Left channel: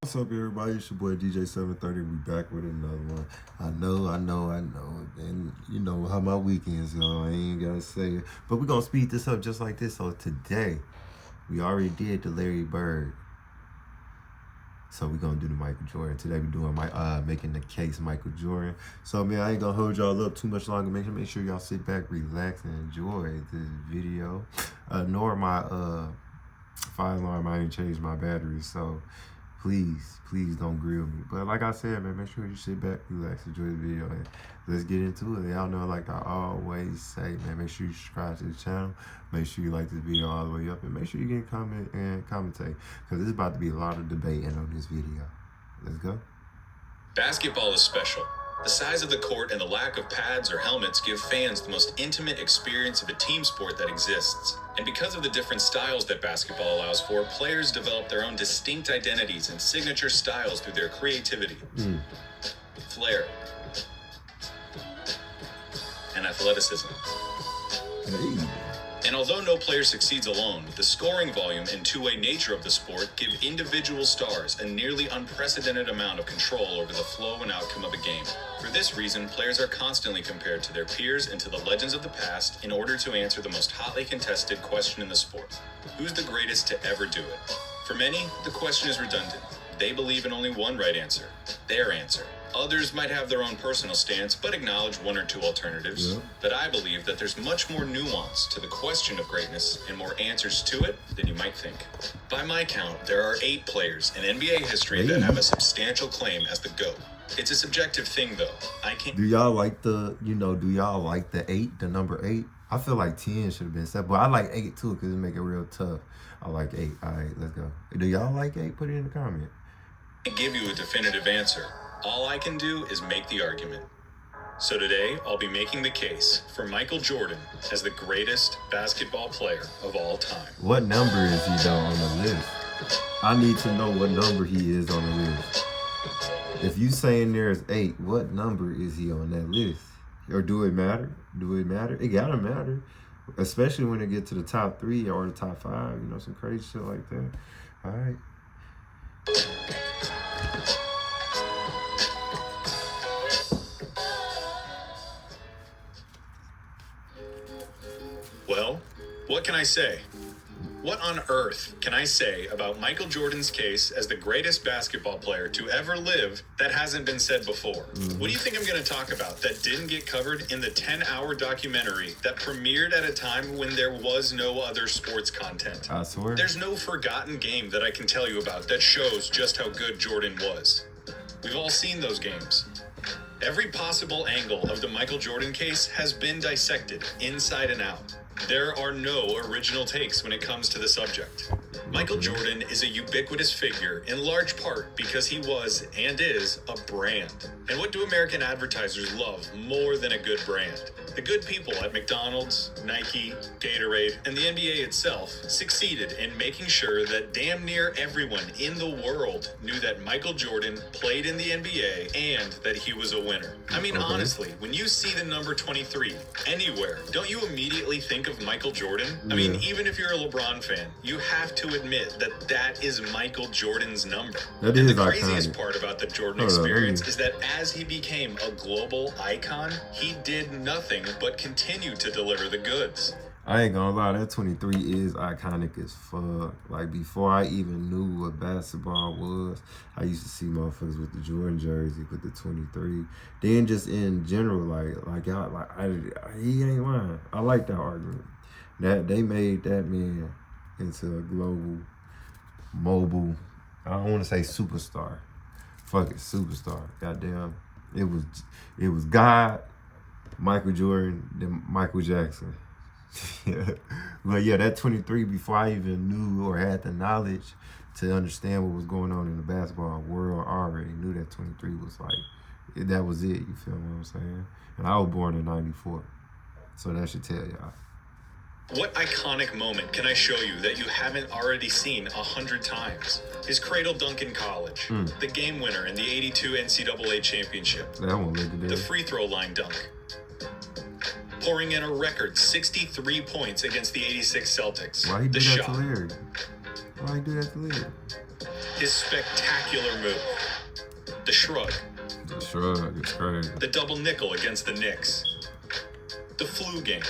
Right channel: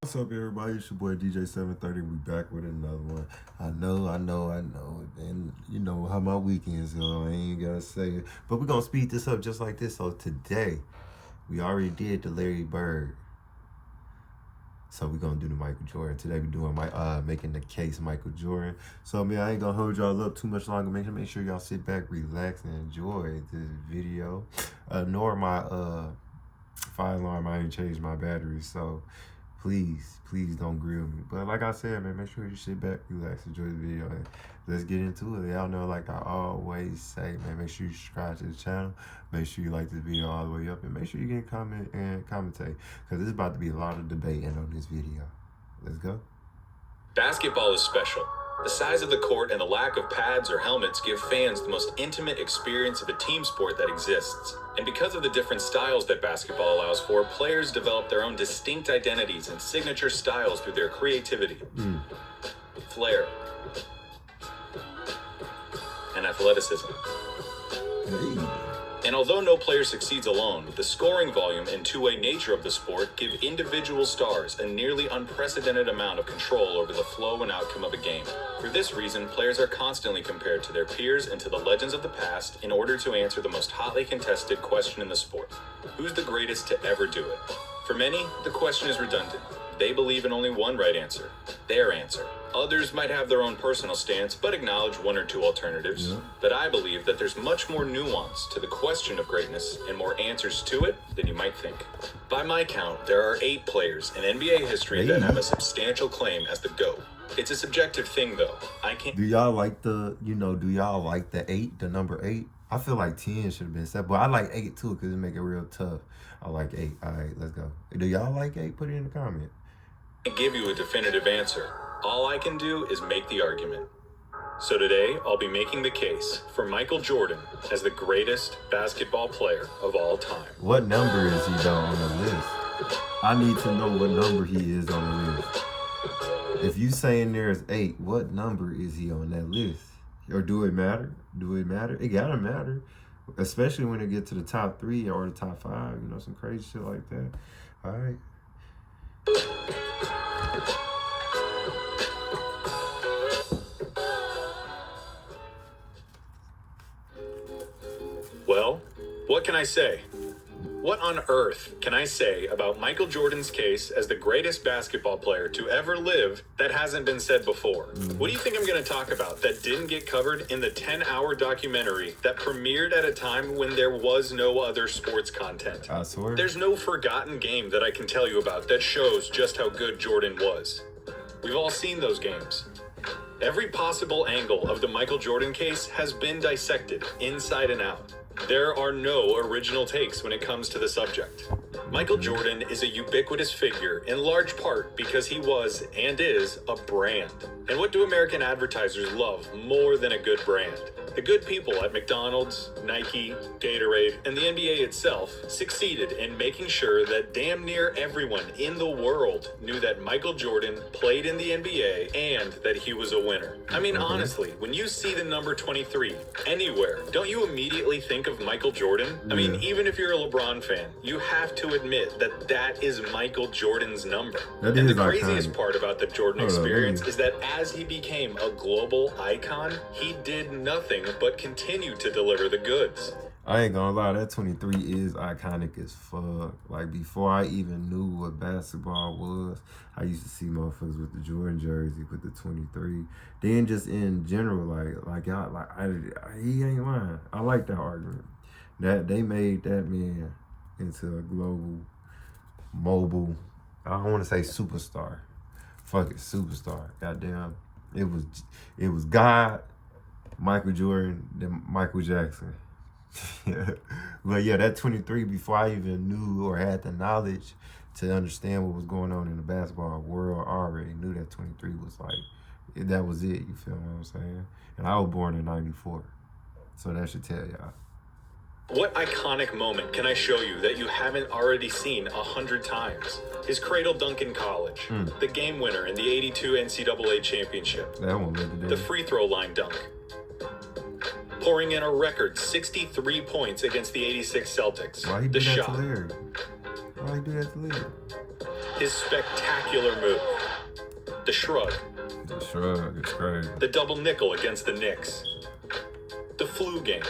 What's up, everybody? It's your boy DJ 730. We back with another one. I know. And you know how my weekends go. I ain't gotta say it. But we're gonna speed this up just like this. So today, we already did the Larry Bird. So we're gonna do the Michael Jordan. Today we're doing making the case Michael Jordan. So man, I ain't gonna hold y'all up too much longer. Make sure y'all sit back, relax, and enjoy this video. Nor my fire alarm, I ain't changed my battery, so please don't grill me. But like I said, man, make sure you sit back, relax, enjoy the video, and let's get into it. Y'all know, like I always say, man, make sure you subscribe to the channel. Make sure you like this video all the way up, and make sure you get comment and commentate, because there's about to be a lot of debating on this video. Let's go. Basketball is special. The size of the court and the lack of pads or helmets give fans the most intimate experience of a team sport that exists. And because of the different styles that basketball allows for, players develop their own distinct identities and signature styles through their creativity, flair, and athleticism. Hey. And although no player succeeds alone, the scoring volume and two-way nature of the sport give individual stars a nearly unprecedented amount of control over the flow and outcome of a game. For this reason, players are constantly compared to their peers and to the legends of the past in order to answer the most hotly contested question in the sport: who's the greatest to ever do it? For many, the question is redundant. They believe in only one right answer, their answer. Others might have their own personal stance, but acknowledge one or two alternatives. Yeah. But I believe that there's much more nuance to the question of greatness and more answers to it than you might think. By my count, there are 8 players in NBA history that have a substantial claim as the GOAT. It's a subjective thing, though. I can't. Do y'all like the 8, the number 8? I feel like 10 should have been set, but I like 8 too, because it make it real tough. I like 8. All right, let's go. Do y'all like 8? Put it in the comment. Give you a definitive answer. All I can do is make the argument. So today, I'll be making the case for Michael Jordan as the greatest basketball player of all time. What number is he though on the list? I need to know what number he is on the list. If you saying there's 8, what number is he on that list? Or do it matter? It gotta matter. Especially when it get to the top 3 or the top 5, you know, some crazy shit like that. All right. Well, what can I say? What on earth can I say about Michael Jordan's case as the greatest basketball player to ever live that hasn't been said before? What do you think I'm going to talk about that didn't get covered in the 10-hour documentary that premiered at a time when there was no other sports content? I swear. There's no forgotten game that I can tell you about that shows just how good Jordan was. We've all seen those games. Every possible angle of the Michael Jordan case has been dissected inside and out. There are no original takes when it comes to the subject. Michael Jordan is a ubiquitous figure in large part because he was and is a brand. And what do American advertisers love more than a good brand? The good people at McDonald's, Nike, Gatorade, and the NBA itself succeeded in making sure that damn near everyone in the world knew that Michael Jordan played in the NBA and that he was a winner. I mean, honestly, when you see the number 23 anywhere, don't you immediately think of Michael Jordan? I mean, even if you're a LeBron fan, you have to admit that that is Michael Jordan's number. That and is the craziest iconic. part about the Jordan experience is that as he became a global icon, he did nothing but continue to deliver the goods. I ain't gonna lie, that 23 is iconic as fuck. Like, before I even knew what basketball was, I used to see motherfuckers with the Jordan jersey, with the 23. Then just in general, he ain't lying. I like that argument. That they made that man into a global, mobile, I don't want to say superstar. Fuck it, superstar. Goddamn. It was God, Michael Jordan, then Michael Jackson. But yeah, that 23, before I even knew or had the knowledge to understand what was going on in the basketball world, I already knew that 23 was like, that was it, you feel what I'm saying? And I was born in 94, so that should tell y'all. What iconic moment can I show you that you haven't already seen 100 times? His cradle dunk in college, the game winner in the '82 NCAA championship, That one lived today. the free throw line dunk, pouring in a record 63 points against the '86 Celtics, Why he the did that to shot, Larry? Why he do that to Lillard? His spectacular move. The shrug. The shrug is crazy. The double nickel against the Knicks. The flu game.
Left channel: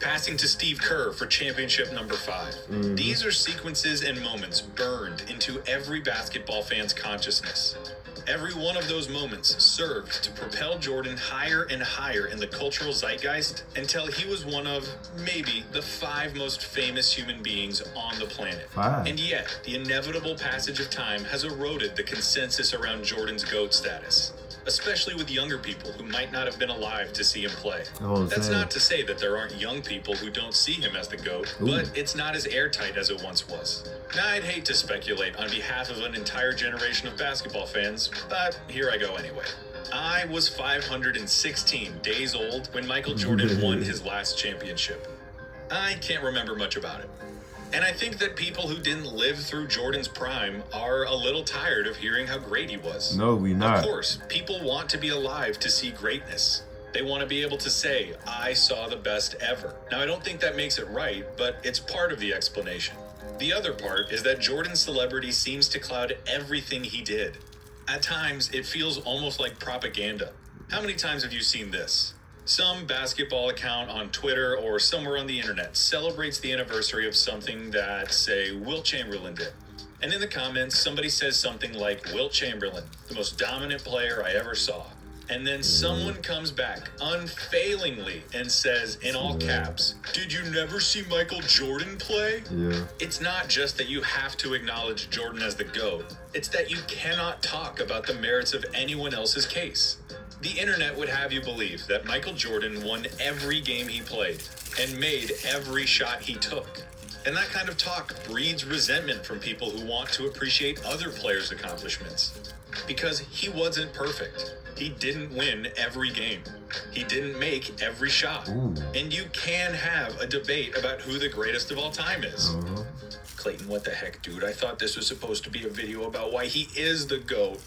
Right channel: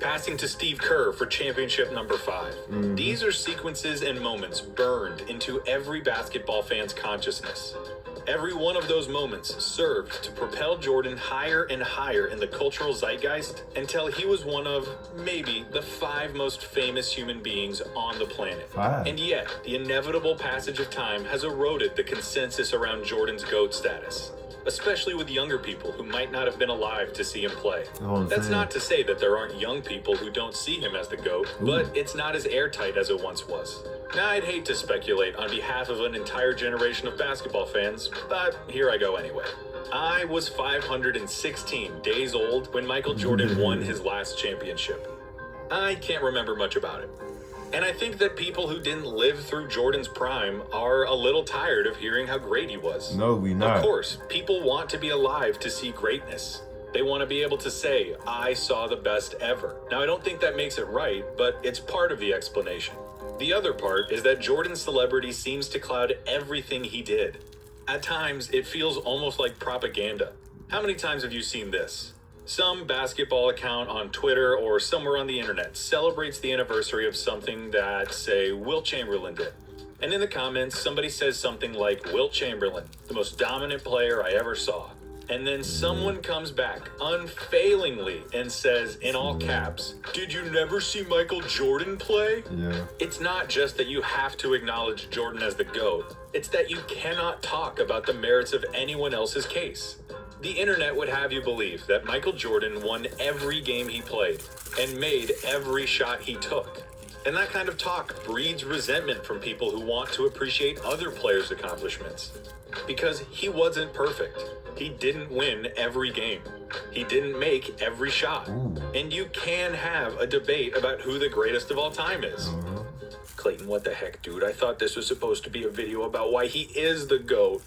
Passing to Steve Kerr for championship number 5. These are sequences and moments burned into every basketball fan's consciousness. Every one of those moments served to propel Jordan higher and higher in the cultural zeitgeist until he was one of, maybe, the 5 most famous human beings on the planet. 5. And yet, the inevitable passage of time has eroded the consensus around Jordan's GOAT status, especially with younger people who might not have been alive to see him play. That's not to say that there aren't young people who don't see him as the GOAT, but it's not as airtight as it once was. Now, I'd hate to speculate on behalf of an entire generation of basketball fans, but here I go anyway. I was 516 days old when Michael Jordan won his last championship. I can't remember much about it. And I think that people who didn't live through Jordan's prime are a little tired of hearing how great he was. No, we not. Of course, people want to be alive to see greatness. They want to be able to say, I saw the best ever. Now, I don't think that makes it right, but it's part of the explanation. The other part is that Jordan's celebrity seems to cloud everything he did. At times, it feels almost like propaganda. How many times have you seen this? Some basketball account on Twitter or somewhere on the internet celebrates the anniversary of something that, say, Wilt Chamberlain did. And in the comments, somebody says something like, Wilt Chamberlain, the most dominant player I ever saw. And then someone comes back unfailingly and says, in all caps, did you never see Michael Jordan play? Yeah. It's not just that you have to acknowledge Jordan as the GOAT. It's that you cannot talk about the merits of anyone else's case. The internet would have you believe that Michael Jordan won every game he played and made every shot he took. And that kind of talk breeds resentment from people who want to appreciate other players' accomplishments. Because he wasn't perfect. He didn't win every game. He didn't make every shot. And you can have a debate about who the greatest of all time is. Clayton, what the heck, dude? I thought this was supposed to be a video about why he is the GOAT.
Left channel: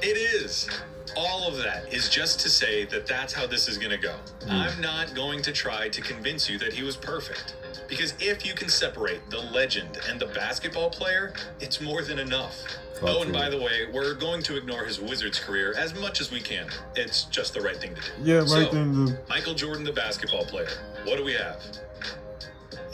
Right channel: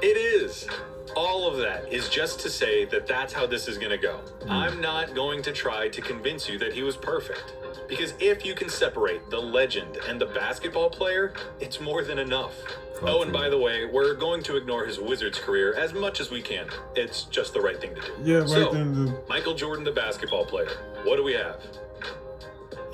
It is. All of that is just to say that that's how this is going to go. I'm not going to try to convince you that he was perfect. Because if you can separate the legend and the basketball player, it's more than enough. Oh, and by the way, we're going to ignore his Wizards career as much as we can. It's just the right thing to do. Yeah, right. So, Michael Jordan, the basketball player. What do we have?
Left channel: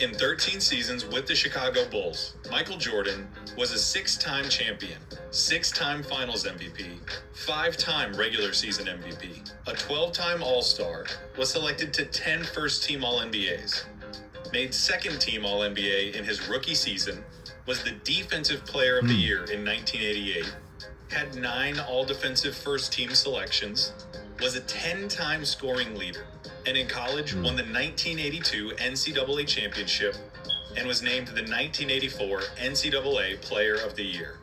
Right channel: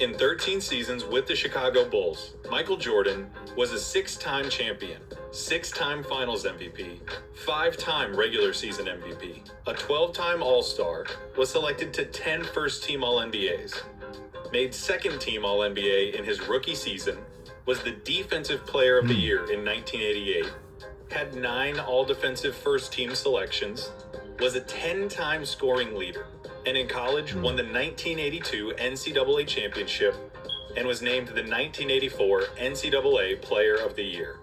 In 13 seasons with the Chicago Bulls, Michael Jordan was a 6-time champion, 6-time Finals MVP, 5-time regular season MVP, a 12-time All-Star, was selected to 10 first-team All-NBAs, made second-team All-NBA in his rookie season, was the Defensive Player of the Year in 1988, had 9 All-Defensive first-team selections, was a 10-time scoring leader, and in college won the 1982 NCAA championship and was named the 1984 NCAA Player of the Year.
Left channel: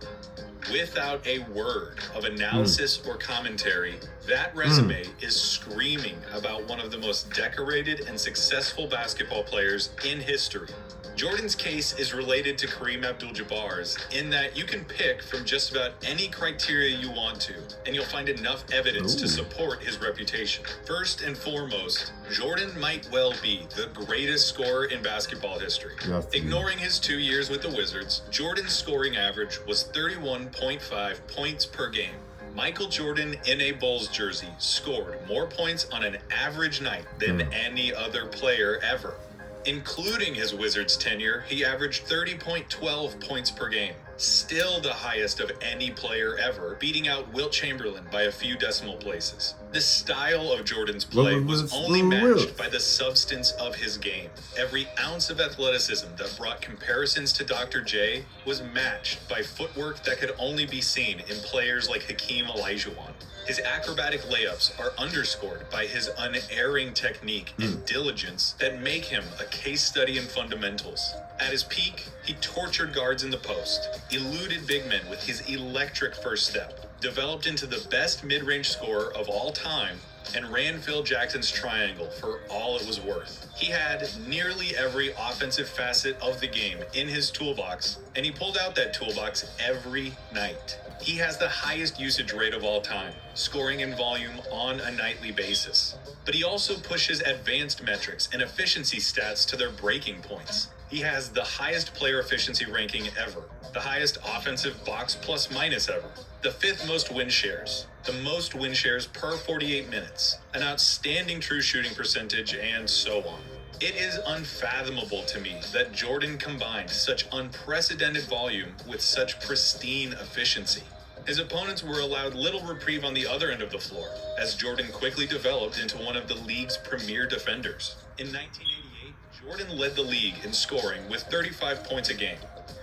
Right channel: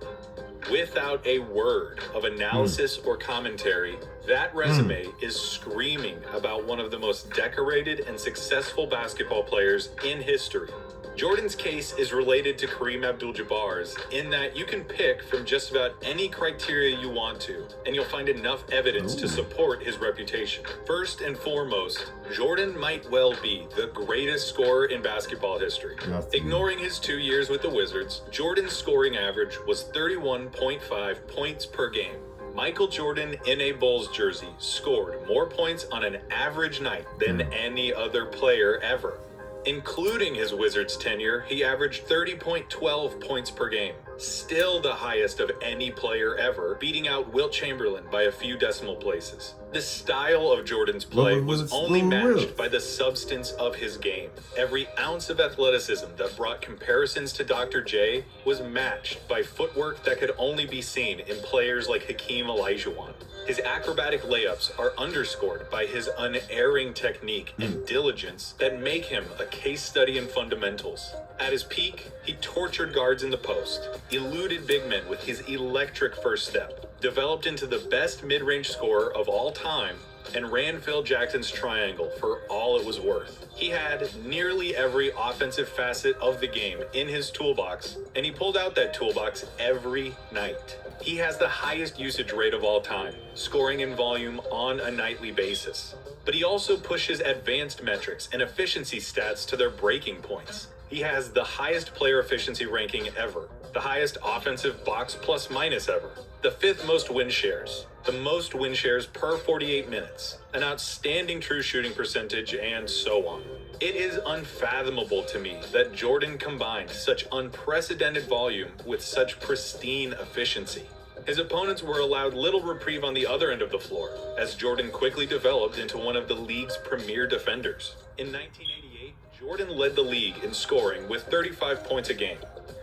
Without a word of analysis or commentary, that resume is screaming about one of the most decorated and successful basketball players in history. Jordan's case is related to Kareem Abdul-Jabbar's in that you can pick from just about any criteria you want to, and you'll find enough evidence to support his reputation. First and foremost, Jordan might well be the greatest scorer in basketball history. Ignoring his 2 years with the Wizards, Jordan's scoring average was 31.5 points per game. Michael Jordan in a Bulls jersey scored more points on an average night than any other player ever. Including his Wizards tenure, he averaged 30.12 points per game, still the highest of any player ever, beating out Wilt Chamberlain by a few decimal places. The style of Jordan's play was only matched by the substance of his game. Every ounce of athleticism that brought comparisons to Dr. J was matched by footwork that could only be seen in players like Hakeem Olajuwon. His acrobatic layups are underscored by his unerring technique and diligence that make him a case study in fundamentals. At his peak, he tortured guards in the post, eluded big men with his electric first step, developed into the best mid-range scorer of all time, and ran Phil Jackson's triangle for all it was worth. He had nearly every offensive facet of the game in his toolbox, and he pulled out that toolbox every night. He has the highest usage rate of all time, scoring in volume on a nightly basis. But he also pushes advanced metrics and efficiency stats to their breaking points. He has the highest player efficiency ranking ever, the highest offensive box plus minus ever, the 5th most win shares, the most win shares per 48 minutes, an outstanding true shooting percentage, and so on. It is unfathomable to me that Jordan combined such unprecedented volume with such pristine efficiency. His opponents were allowed little reprieve on the other end of the floor, as Jordan quickly developed into one of the league's premier defenders. In 1988, Jordan led the league in scoring with 35 points a game,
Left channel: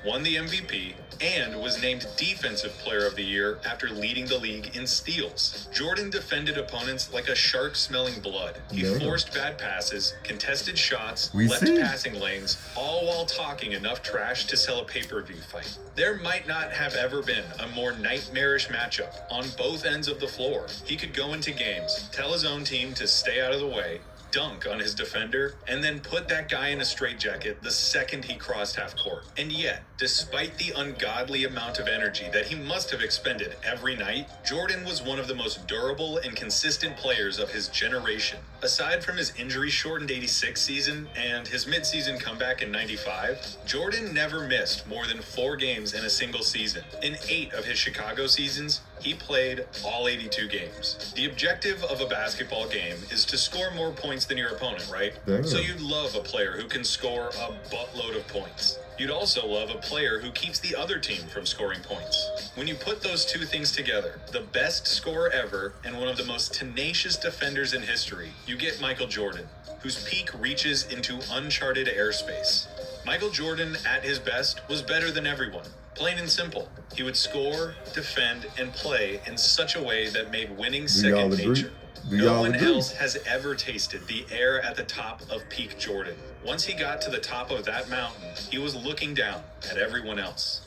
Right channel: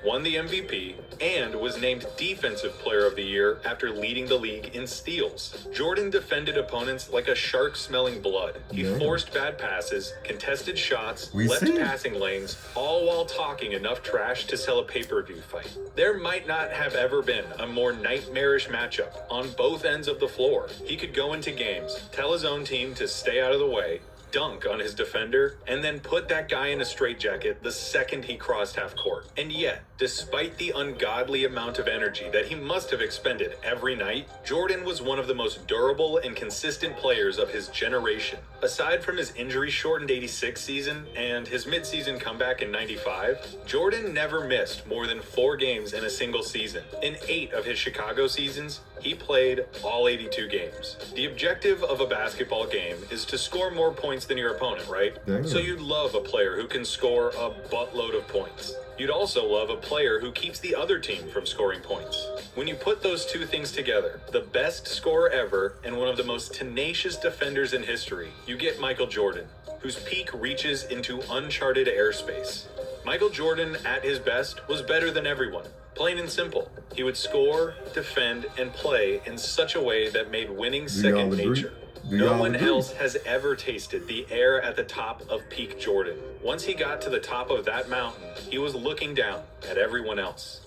won the MVP, and was named Defensive Player of the Year after leading the league in steals. Jordan defended opponents like a shark smelling blood. He forced bad passes, contested shots, left passing lanes, all while talking enough trash to sell a pay-per-view fight. There might not have ever been a more nightmarish matchup on both ends of the floor. He could go into games, tell his own team to stay out of the way, dunk on his defender, and then put that guy in a straitjacket the second he crossed half court. And yet, despite the ungodly amount of energy that he must have expended every night, Jordan was one of the most durable and consistent players of his generation. Aside from his injury-shortened 86 season and his mid-season comeback in 95, Jordan never missed more than 4 games in a single season. In 8 of his Chicago seasons, he played all 82 games. The objective of a basketball game is to score more points than your opponent, right? So you'd love a player who can score a buttload of points. You'd also love a player who keeps the other team from scoring points. When you put those two things together, the best scorer ever and one of the most tenacious defenders in history, you get Michael Jordan, whose peak reaches into uncharted airspace. Michael Jordan, at his best, was better than everyone. Plain and simple. He would score, defend, and play in such a way that made winning second nature. No one else has ever tasted the air at the top of peak Jordan. Once he got to the top of that mountain, he was looking down at everyone else.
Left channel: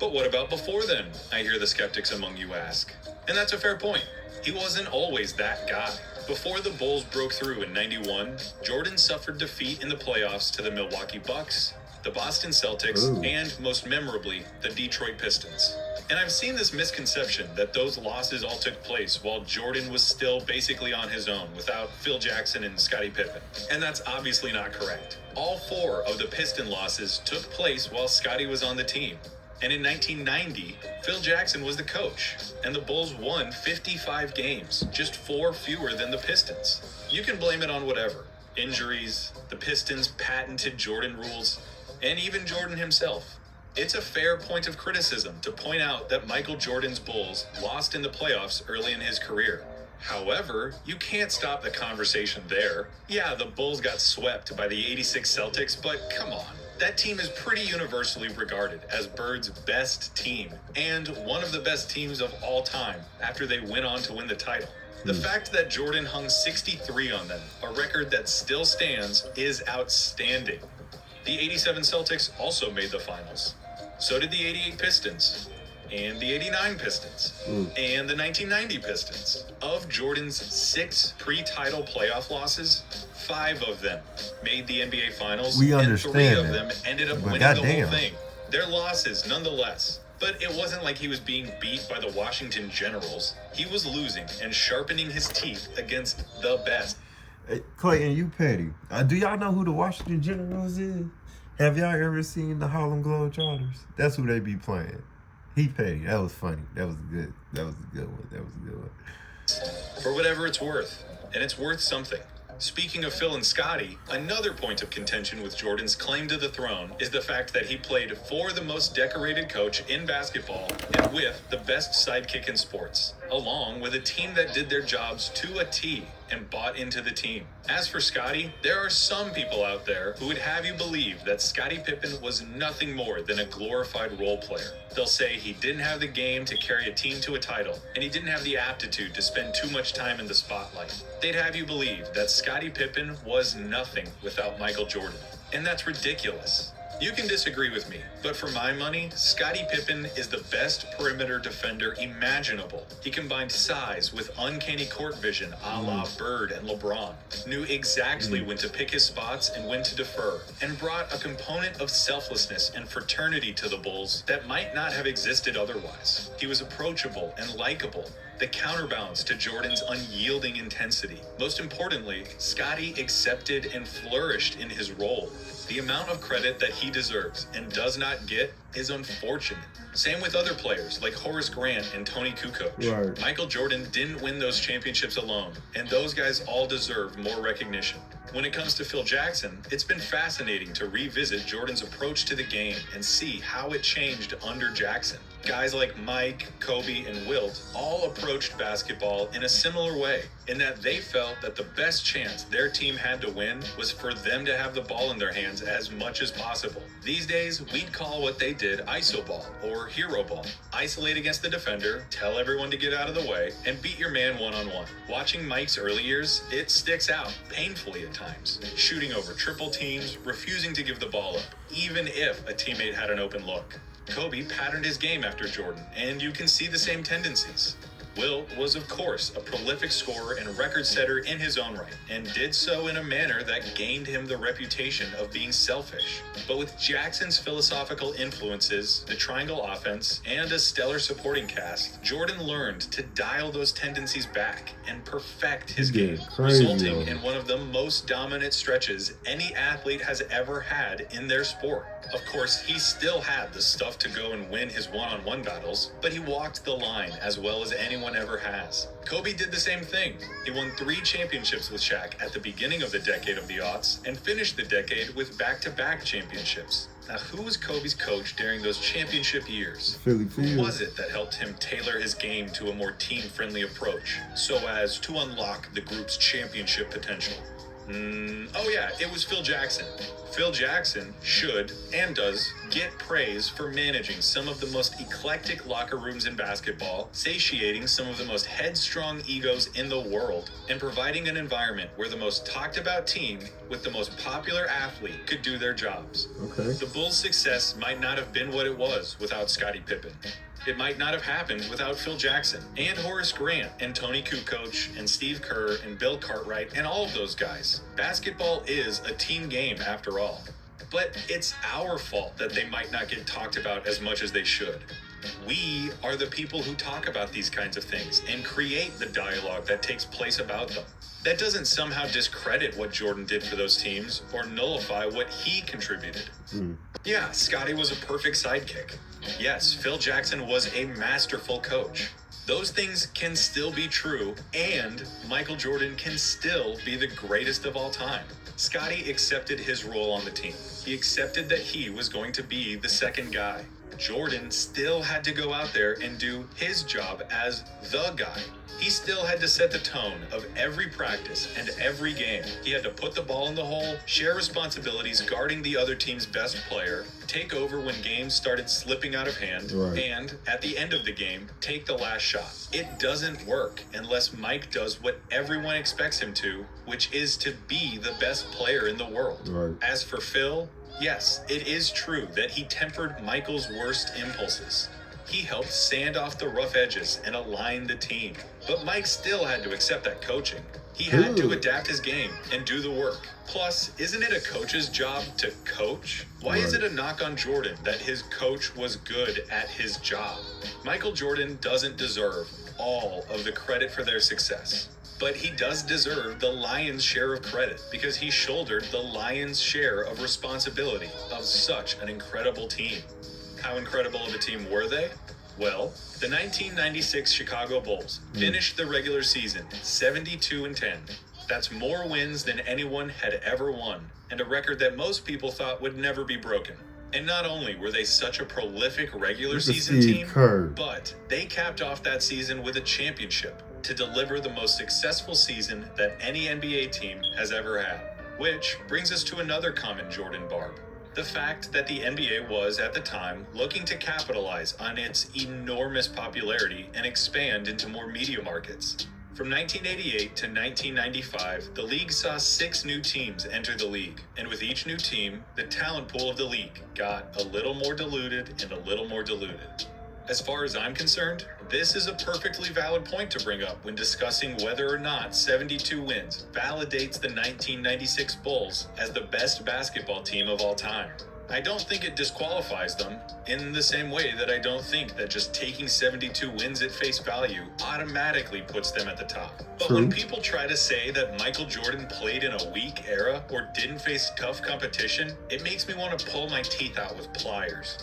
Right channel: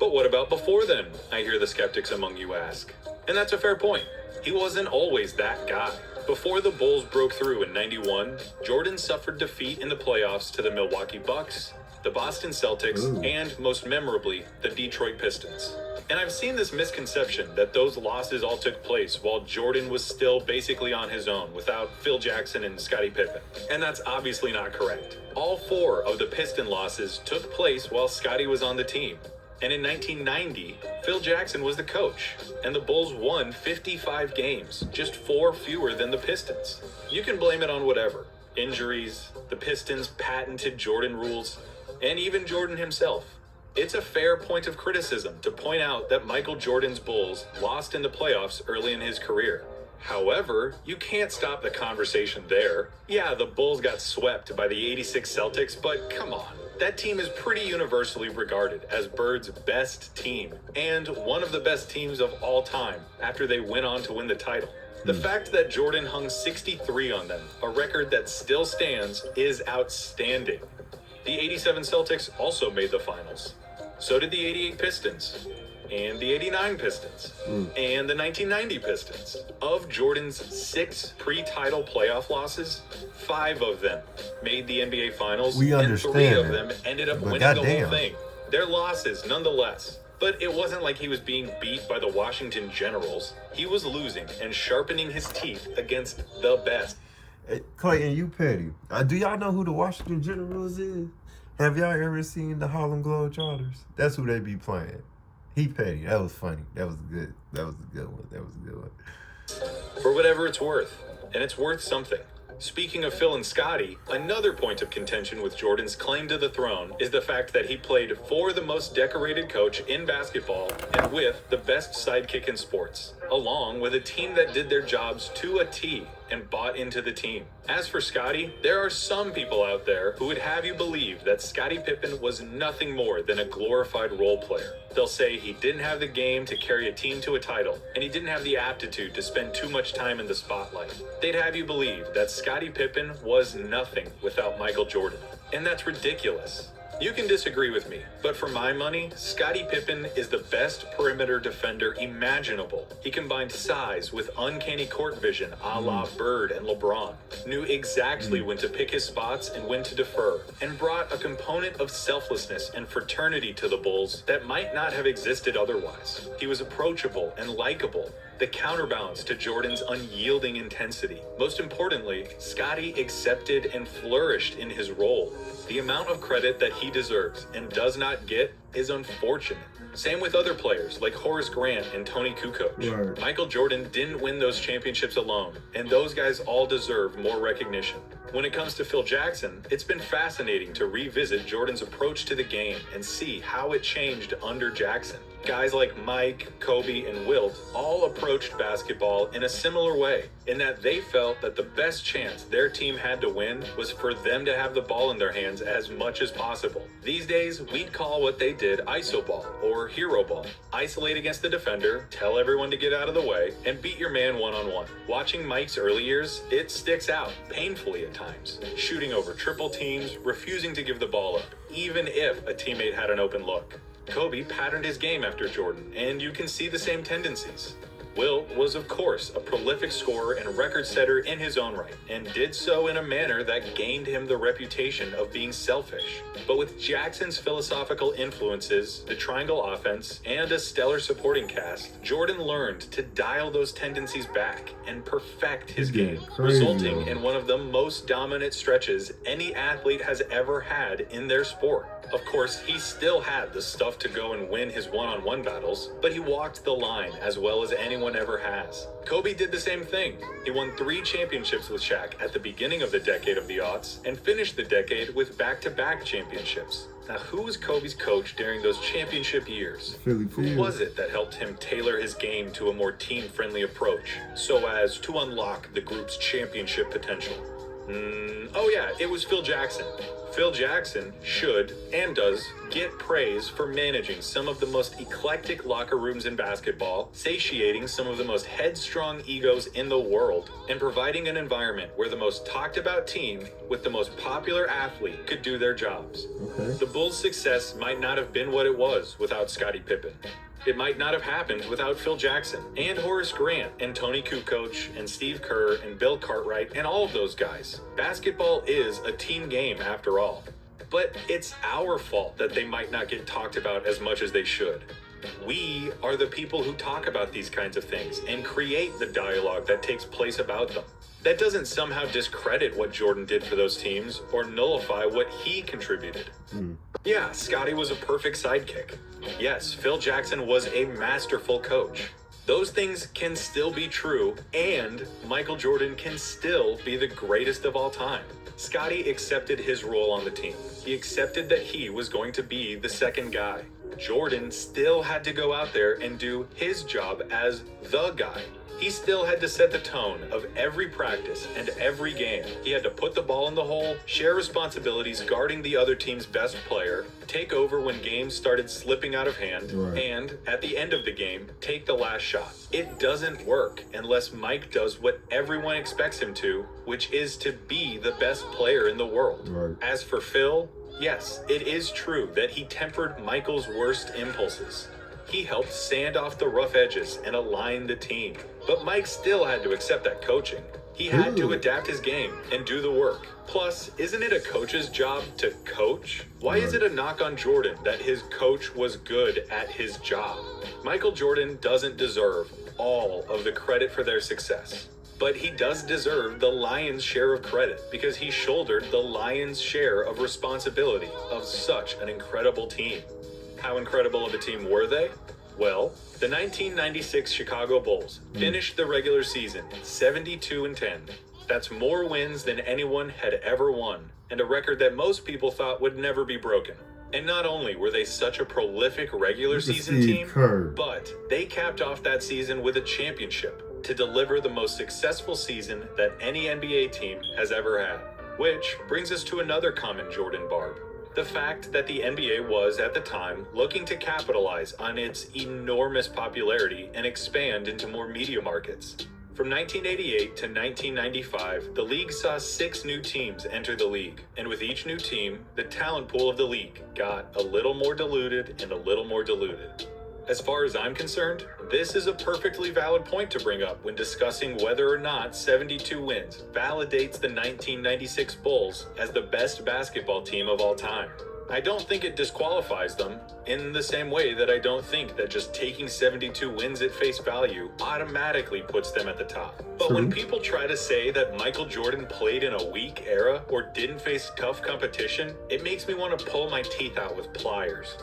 But what about before then, I hear the skeptics among you ask. And that's a fair point. He wasn't always that guy. Before the Bulls broke through in 91, Jordan suffered defeat in the playoffs to the Milwaukee Bucks, the Boston Celtics, and most memorably, the Detroit Pistons. And I've seen this misconception that those losses all took place while Jordan was still basically on his own without Phil Jackson and Scottie Pippen. And that's obviously not correct. All 4 of the Piston losses took place while Scottie was on the team. And in 1990, Phil Jackson was the coach, and the Bulls won 55 games, just 4 fewer than the Pistons. You can blame it on whatever. Injuries, the Pistons' patented Jordan rules, and even Jordan himself. It's a fair point of criticism to point out that Michael Jordan's Bulls lost in the playoffs early in his career. However, you can't stop the conversation there. Yeah, the Bulls got swept by the 86 Celtics, but come on. That team is pretty universally regarded as Bird's best team, and one of the best teams of all time after they went on to win the title. The fact that Jordan hung 63 on them, a record that still stands, is outstanding. The 87 Celtics also made the finals. So did the 88 Pistons, and the 89 Pistons, and the 1990 Pistons. Of Jordan's 6 pre-title playoff losses, 5 of them made the NBA Finals, and 3 of them ended up winning the whole thing. They're losses, nonetheless. But it wasn't like he was being beat by the Washington Generals. He was losing and sharpening his teeth against the best. Hey, Clayton, you petty. Do y'all know who the Washington Generals is? Have y'all ever seen the Harlem Globetrotters? That's who they be playing. He petty. That was funny. That was good. That was a good one. That was a good one. For whatever it's worth. And it's worth something. Speaking of Phil and Scottie, another point of contention with Jordan's claim to the throne is the fact that he played for the most decorated coach in basketball and with the best sidekick in sports, along with a team that did their jobs to a T and bought into the team. As for Scottie, there are some people out there who would have you believe that Scottie Pippen was nothing more than a glorified role player. They'll say he didn't have the game to carry a team to a title, and he didn't have the aptitude to spend too much time in the spotlight. They'd have you believe that Scottie Pippen was nothing without Michael Jordan. And that's ridiculous. You can disagree with me, but for my money, Scottie Pippen is the best perimeter defender imaginable. He combined size with uncanny court vision a la Bird and LeBron, knew exactly when to pick his spots and when to defer, and brought a component of selflessness and fraternity to the Bulls that might not have existed otherwise. He was approachable and likable, the counterbalance to Jordan's unyielding intensity. Most importantly, Scottie accepted and flourished in his role. The amount of credit that he he deserves and does not get is unfortunate. Same with other players like Horace Grant and Tony Kukoc. Right. Michael Jordan didn't win those championships alone, and those guys all deserve more recognition. When it comes to Phil Jackson, it's been fascinating to revisit Jordan's approach to the game and see how it changed under Jackson. Guys like Mike, Kobe, and Wilt all approached basketball in a similar way, in that they felt that the best chance their team had to win was for them to have the ball in their hands as much as possible. These days, we'd call what they did iso ball or hero ball. Isolate against the defender, tell everyone to get out of the way, and beat your man one-on-one. Watching Mike's early years, it sticks out, painfully at times. Shooting over triple teams, refusing to give the ball up, even if a teammate had an open look. Kobe patterned his game after Jordan, and you can see the same tendencies. Wilt was, of course, a prolific scorer and record setter in his own right, and did so in a manner that gained him the reputation of being selfish. But with Jackson's philosophical influences, the triangle offense, and a stellar supporting cast, Jordan learned to dial those tendencies back and perfect his game, resulting in one of the most dominant stretches any athlete has ever had in their sport. Of course, he still had the stuff to go and win his one-on-one battles, but he walked the line as well as anyone ever has. Kobe did the same thing. He won 3 championships with Shaq at the beginning of the decade of the aughts and finished the decade with back-to-back championships. Now, who was Kobe's coach during those championship years? Philly Who was it that helped him tailor his game to a more team-friendly approach so as to unlock the group's championship potential? Oh yeah, it was Phil Jackson. Phil Jackson should, and does, get praise for managing some of the most eclectic locker rooms in basketball, satiating some of the most headstrong egos in the world, and providing an environment where the most talked about team with the most popular athlete could do their jobs. Okay. The Bulls' success might not have been what it was without Scottie Pippen. It might not have happened without Phil Jackson and Horace Grant and Tony Kukoc and Steve Kerr and Bill Cartwright and all of those guys. Basketball is a team game after all. But it's our fault that they might not get talked about as much as they should. We are the people who talk about these kinds of things and create the dialogue that takes place about them. That doesn't somehow discredit what Jordan did for those teams or nullify what he contributed. Yeah, Scottie was a perfect sidekick. Yes, Phil Jackson was a masterful coach. Those things can still be true, and Michael Jordan can still be the greatest of all time. Scottie accepted his role on the team. He accepted that he was going to be the second guy. Jordan still had to go out there and do his job as the guy. He still had to set the tone of every practice and every game. He had to put the ball in the hole, share responsibilities guarding the other team's best player, take over when games started slipping out of hand, and at the end of the game, take the last shot. It doesn't work unless Mike does what everyone expects him to, which is to be the best player in the world. As for Phil, yes, it is true that he tempered Michael's worst impulses. He helped sand off the rough edges and align the team. But Mike still had to accept that coaching. He had to adapt his game and do the work. Plus, isn't it a coach's job to coach? Why is it a knock on Jordan that his coach was good at his job? Michael Jordan doesn't deserve all of the credit for their success. But he does deserve the lion's share of credit because he shouldered the lion's share of responsibility of such an incredible team. How incredible of a team were they? Well, the 1996 Chicago Bulls finished the regular season 72-10. That's more wins than anyone had ever won, and a record that most people thought would never be broken. And not only were they such a prolific regular season team, but they capped off that season with a championship to deliver the most successful season that any NBA team has ever had. Which brings us to another common Jordan barb. The fact that the NBA was, at the time, looking to capitalize on its enormous popularity and expand into more media markets. From 1988 to 1995, the league saw 6 new teams enter the league, and with each new team, the talent pool of the league got a little more diluted and a little more diluted. As far as I'm concerned, this is a perfectly valid point to bring up when discussing whether or not 72 wins validates the 1996 Bulls as the best basketball team of all time. I don't think it disqualifies them, in the same way that I don't think that just taking 72 wins at face value automatically puts them at the top. But True. when people try to say that Michael Jordan played in a weak era or didn't face tough competition, it makes me want to pull my teeth out with pliers.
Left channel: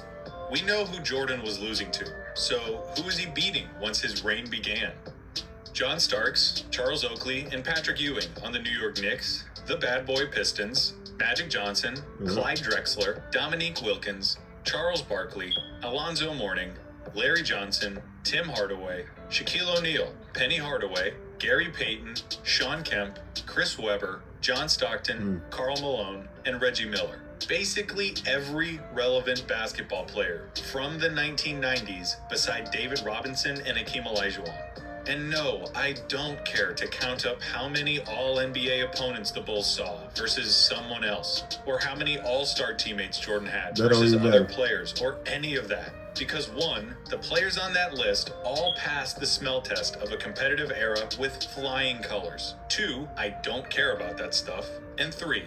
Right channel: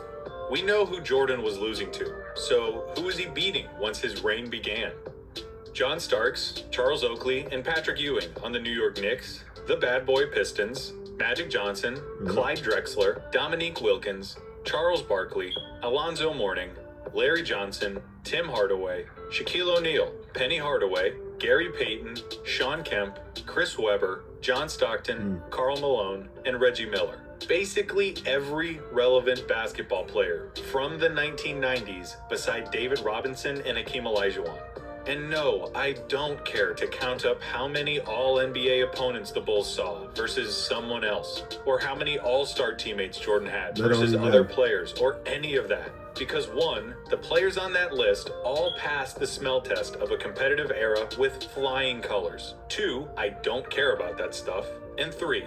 We know who Jordan was losing to, so who is he beating once his reign began? John Starks, Charles Oakley, and Patrick Ewing on the New York Knicks, the Bad Boy Pistons, Magic Johnson, Clyde Drexler, Dominique Wilkins, Charles Barkley, Alonzo Mourning, Larry Johnson, Tim Hardaway, Shaquille O'Neal, Penny Hardaway, Gary Payton, Sean Kemp, Chris Webber, John Stockton, Karl Malone, and Reggie Miller. Basically every relevant basketball player from the 1990s beside David Robinson and Hakeem Olajuwon. And no, I don't care to count up how many All-NBA opponents the Bulls saw versus someone else, or how many All-Star teammates Jordan had versus other players, or any of that. Because one, the players on that list all passed the smell test of a competitive era with flying colors. Two, I don't care about that stuff. And three,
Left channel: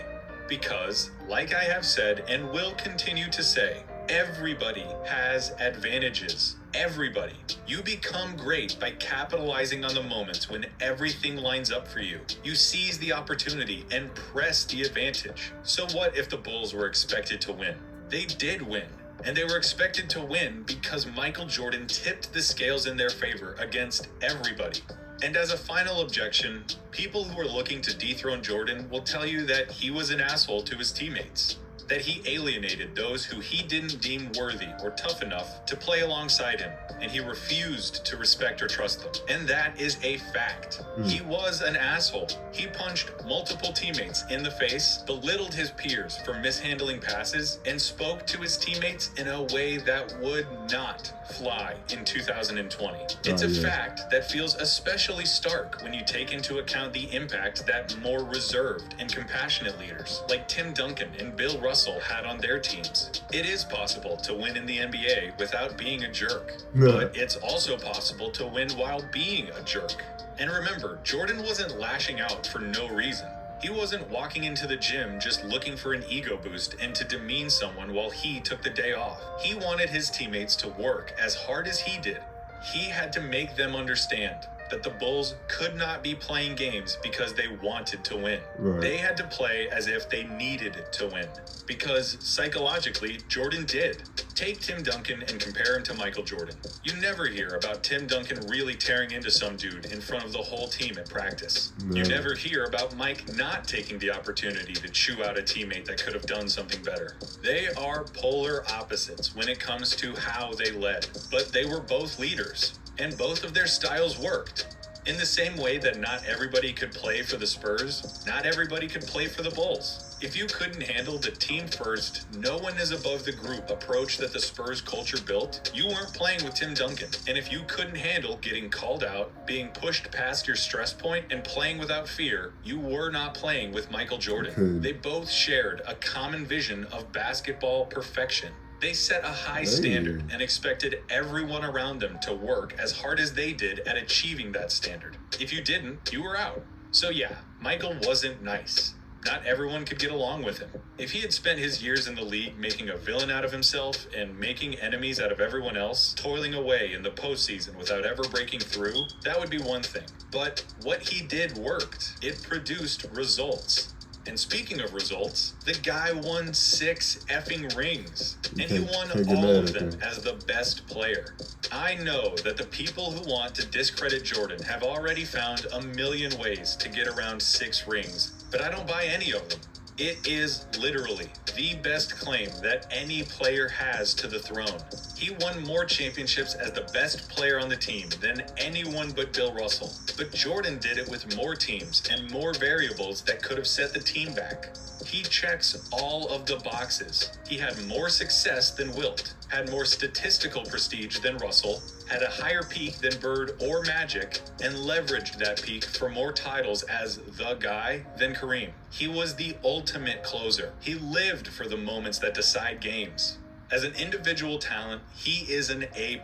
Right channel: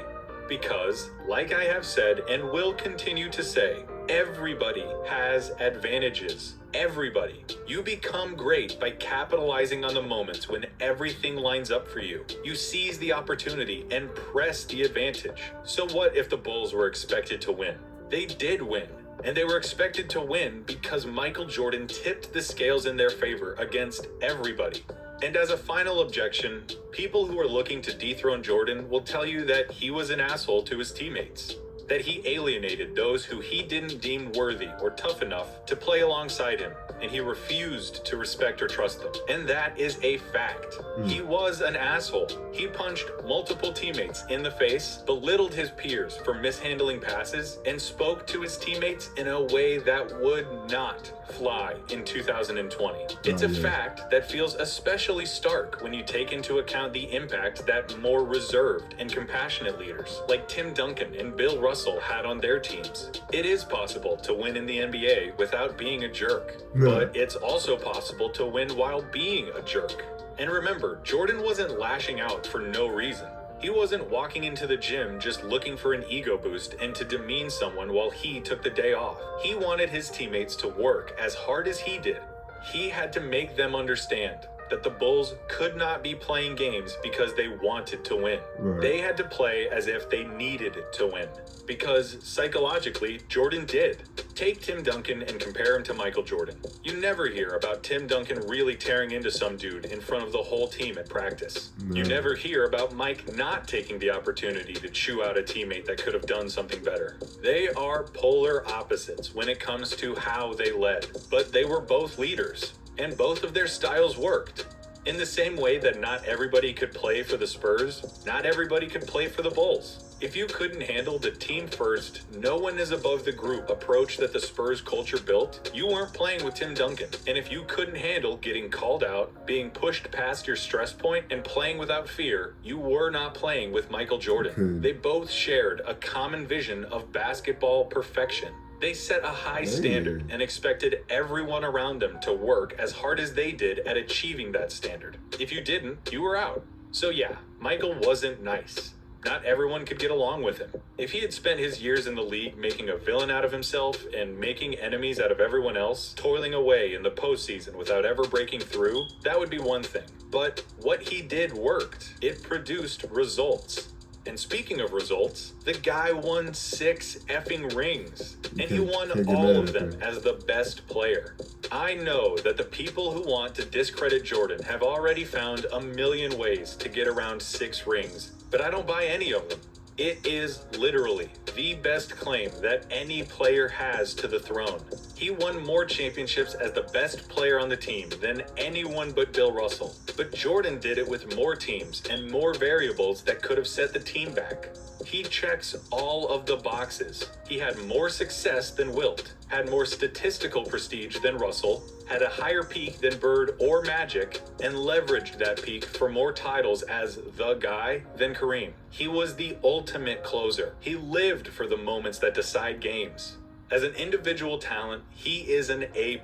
because, like I have said and will continue to say, everybody has advantages. Everybody. You become great by capitalizing on the moments when everything lines up for you. You seize the opportunity and press the advantage. So what if the Bulls were expected to win? They did win. And they were expected to win because Michael Jordan tipped the scales in their favor against everybody. And as a final objection, people who are looking to dethrone Jordan will tell you that he was an asshole to his teammates, that he alienated those who he didn't deem worthy or tough enough to play alongside him, and he refused to respect or trust them. And that is a fact. He was an asshole. He punched multiple teammates in the face, belittled his peers for mishandling passes, and spoke to his teammates in a way that would not fly in 2020. It's a fact that feels especially stark when you take into account the impact that more reserved and compassionate leaders like Tim Duncan and Bill Russell had on their teams. It is possible to win in the NBA without being a jerk, but it's also possible to win while being a jerk. And remember, Jordan wasn't lashing out for no reason. He wasn't walking into the gym just looking for an ego boost and to demean someone while he took the day off. He wanted his teammates to work as hard as he did. He had to make them understand that the Bulls could not be playing games because they wanted to win. They had to play as if they needed to win, because psychologically, Jordan did. Take Tim Duncan and compare him to Michael Jordan. You never hear about Tim Duncan really tearing into some dude in front of the whole team at practice. You never hear about Mike not taking the opportunity to chew out a teammate that could have done something better. They are polar opposites when it comes to how they led, but they were both leaders. And both of their styles worked. In the same way that not everybody could play for the Spurs, not everybody could play for the Bulls. If you couldn't handle the team first, no one is above the group approach that the Spurs culture built, you weren't playing with Tim Duncan. And if you couldn't handle getting called out, being pushed past your stress point, and playing without fear, you were not playing with Michael Jordan. They both shared a common vision of basketball perfection. They set a high standard and expected everyone around them to work as hard as they did at achieving that standard. If you didn't, you were out. So yeah, Michael wasn't nice. Not everyone could get along with him. If he had spent his years in the league making a villain out of himself and making enemies out of everyone else, toiling away in the postseason without ever breaking through, that would be one thing. But what he did worked. It produced results. And speaking of results, the guy won 6 effing rings. And he won all of them as the best player. I know that the people who want to discredit Jordan have already found a million ways to get around 6 rings, but I don't buy any of them. It is literally the best claim that any player has to the throne. He won more championships as the best player on the team than anyone but Bill Russell. But Jordan did it with more teams and more variables that could have set the team back. He checks all of the boxes. He had more success than Wilt, had more statistical prestige than Russell, had a higher peak than Bird or Magic, and leveraged that peak for more titles as the guy than Kareem. He was the ultimate closer. He lived for the moments that decide games. As an individual talent, he is an A+,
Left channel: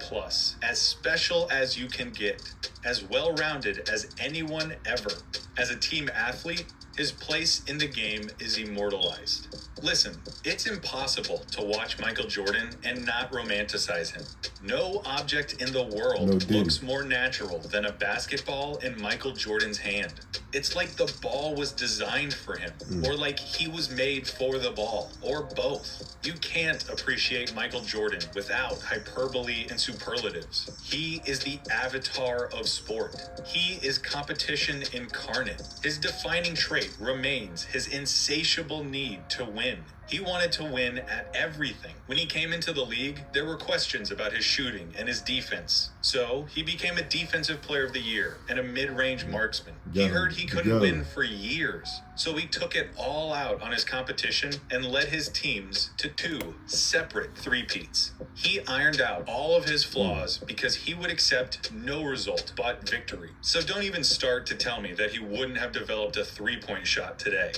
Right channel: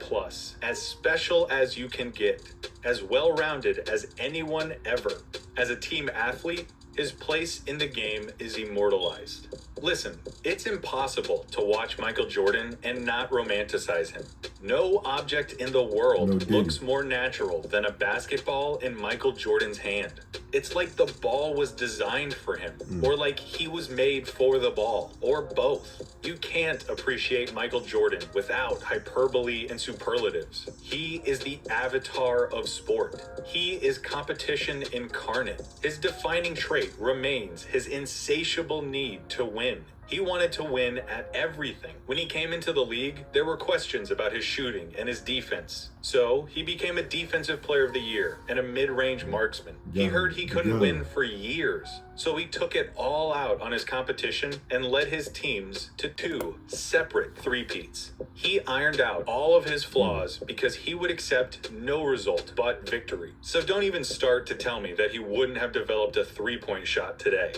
as special as you can get, as well-rounded as anyone ever. As a team athlete, his place in the game is immortalized. Listen, it's impossible to watch Michael Jordan and not romanticize him. No object in the world looks more natural than a basketball in Michael Jordan's hand. It's like the ball was designed for him, or like he was made for the ball, or both. You can't appreciate Michael Jordan without hyperbole and superlatives. He is the avatar of sport. He is competition incarnate. His defining trait remains his insatiable need to win. He wanted to win at everything. When he came into the league, there were questions about his shooting and his defense. So he became a defensive player of the year and a mid-range marksman. He heard he couldn't win for years. So he took it all out on his competition and led his teams to 2 separate three-peats. He ironed out all of his flaws because he would accept no result but victory. So don't even start to tell me that he wouldn't have developed a three-point shot today.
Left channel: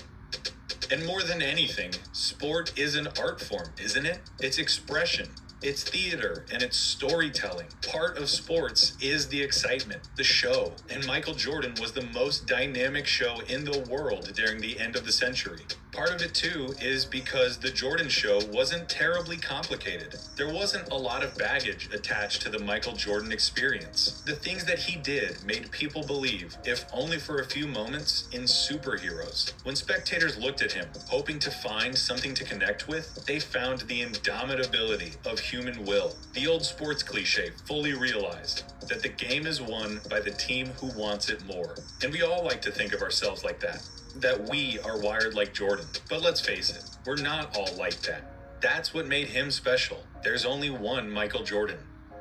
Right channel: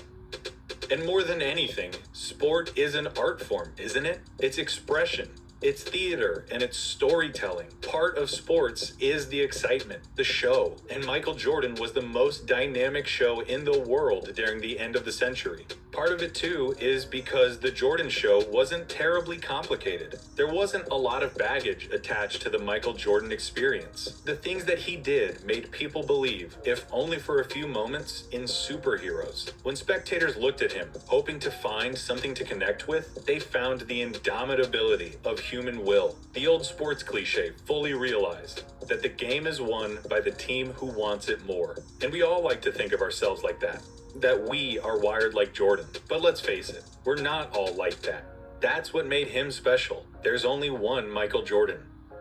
And more than anything, sport is an art form, isn't it? It's expression. It's theater and it's storytelling. Part of sports is the excitement, the show. And Michael Jordan was the most dynamic show in the world during the end of the century. Part of it too is because the Jordan show wasn't terribly complicated. There wasn't a lot of baggage attached to the Michael Jordan experience. The things that he did made people believe, if only for a few moments, in superheroes. When spectators looked at him, hoping to find something to connect with, they found the indomitability of human will. The old sports cliche fully realized that the game is won by the team who wants it more. And we all like to think of ourselves like that we are wired like Jordan. But let's face it, we're not all like that. That's what made him special. There's only one Michael Jordan.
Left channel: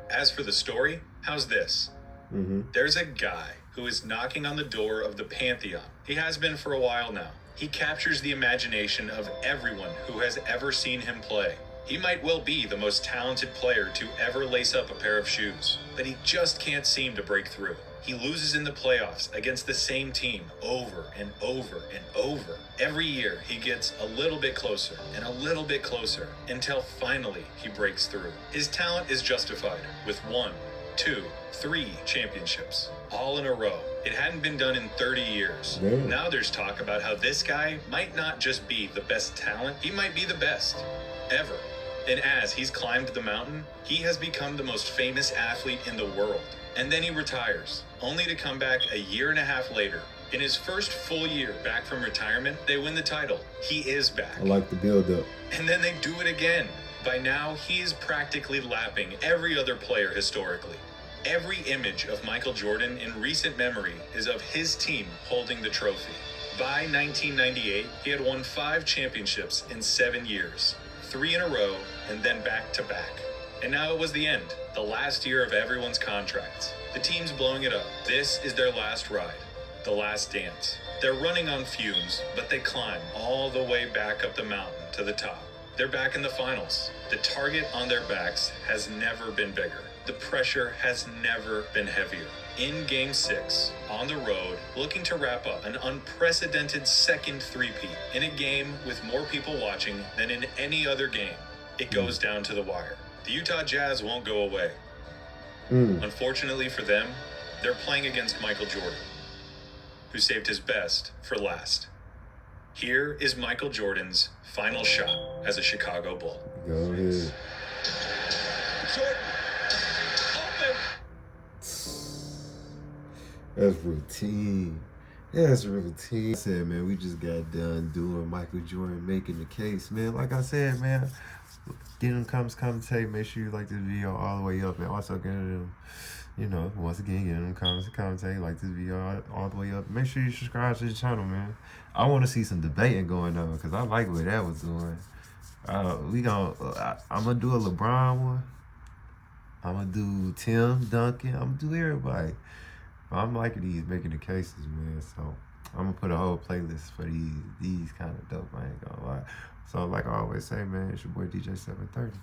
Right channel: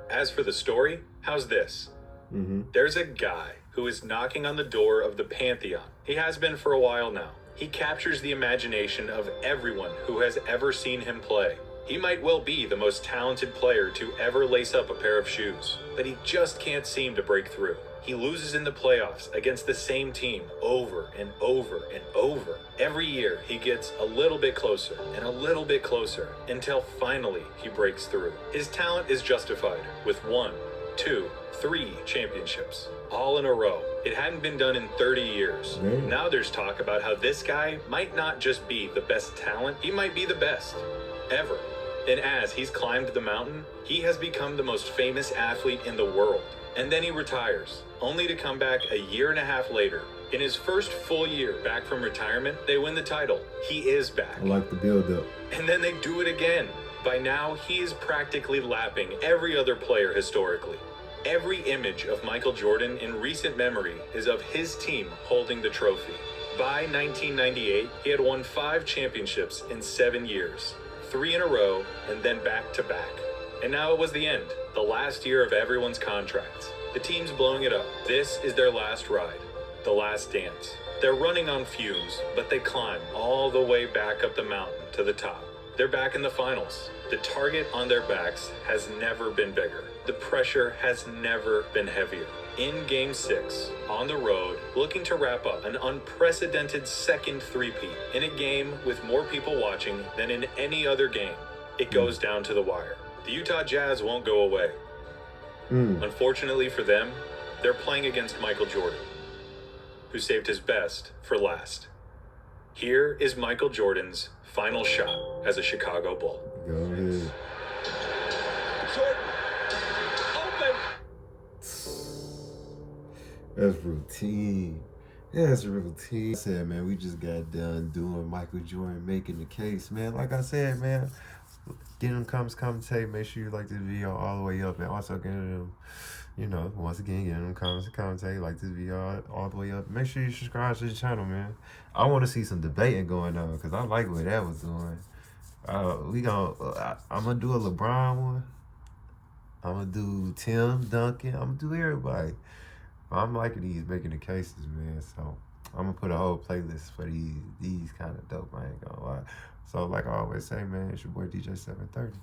As for the story, how's this? There's a guy who is knocking on the door of the Pantheon. He has been for a while now. He captures the imagination of everyone who has ever seen him play. He might well be the most talented player to ever lace up a pair of shoes, but he just can't seem to break through. He loses in the playoffs against the same team over and over and over. Every year, he gets a little bit closer and a little bit closer until finally he breaks through. His talent is justified with 1, 2, 3 championships, all in a row. It hadn't been done in 30 years. Now there's talk about how this guy might not just be the best talent, he might be the best ever. And as he's climbed the mountain, he has become the most famous athlete in the world. And then he retires, only to come back a year and a half later. In his first full year back from retirement, they win the title. He is back. I like the build-up. And then they do it again. By now, he is practically lapping every other player historically. Every image of Michael Jordan in recent memory is of his team holding the trophy. By 1998, he had won 5 championships in 7 years. 3 in a row, and then back to back. And now it was the end, the last year of everyone's contracts. The team's blowing it up. This is their last ride, the last dance. They're running on fumes, but they climb all the way back up the mountain to the top. They're back in the finals. The target on their backs has never been bigger. The pressure has never been heavier. In Game 6, on the road, looking to wrap up an unprecedented second three-peat in a game with more people watching than in any other game, it goes down to the wire. The Utah Jazz won't go away. Unfortunately for them, they're playing against Michael Jordan, who saved his best for last. Here is Michael Jordan's final shot as a Chicago Bull. Go ahead. Jordan, open! That's routine. That's routine. I said, man, we just got done doing Michael Jordan making the case, man. Like I said, man, get them comments, commentate. Make sure you like this video all the way up, and also get them, once again, get them comments, commentate. Like this video all the way up. Make sure you subscribe to the channel, man. I want to see some debating going on because I like what that was doing. I'm gonna do a LeBron one. I'm gonna do Tim Duncan. I'm gonna do everybody. I'm liking these making the cases, man. So I'm gonna put a whole playlist for these kind of dope. I ain't gonna lie. So like I always say, man, it's your boy DJ 730.